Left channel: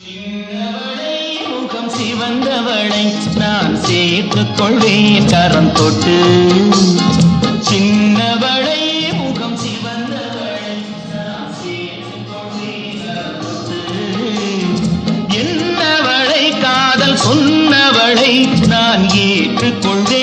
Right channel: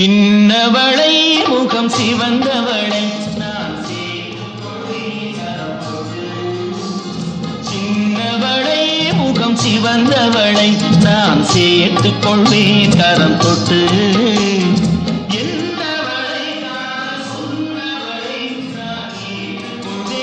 தின்னவளை முகம் சிவந்தவளை நான் சேர்த்து கொள்வேன் கரம் தொட்டு. சின்னவளை முகம் சிவந்தவளை நான் சேர்த்து கொள்வேன் கரம் தொட்டு. என்னவளை காதல் சொன்னவளை நான் ஏற்றுக்கொள்வேன்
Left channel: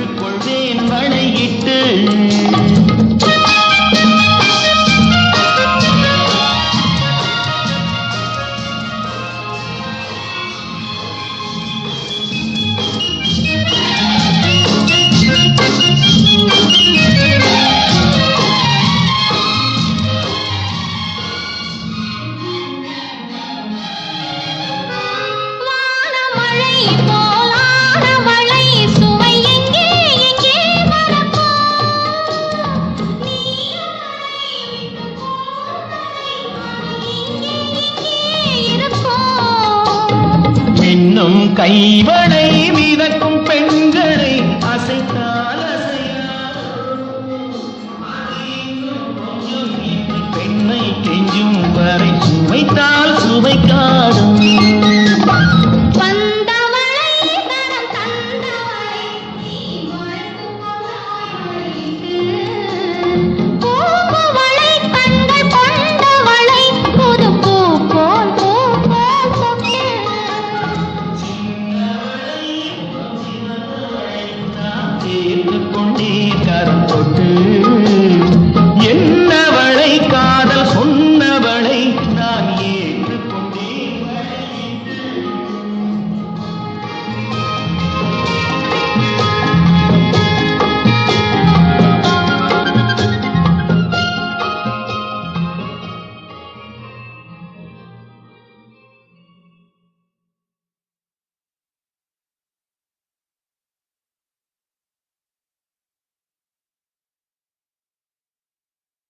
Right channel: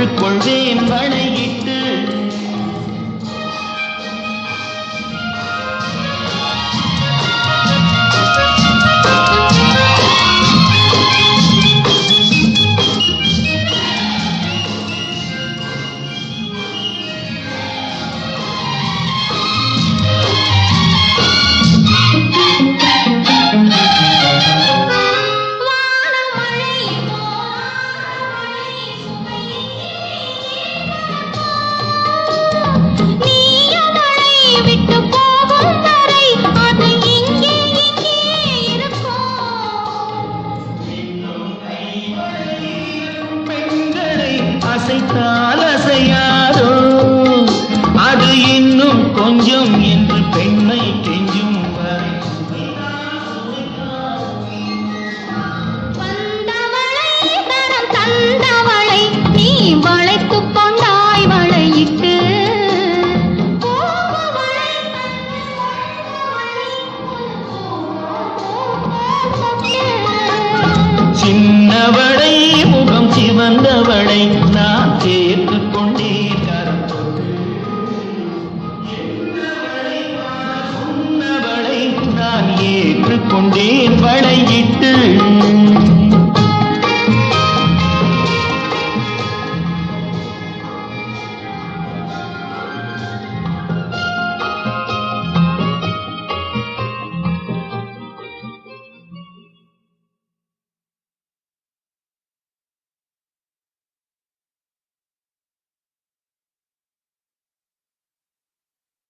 ஏற்றுக்கொள்வேன் தாய் பூண்டி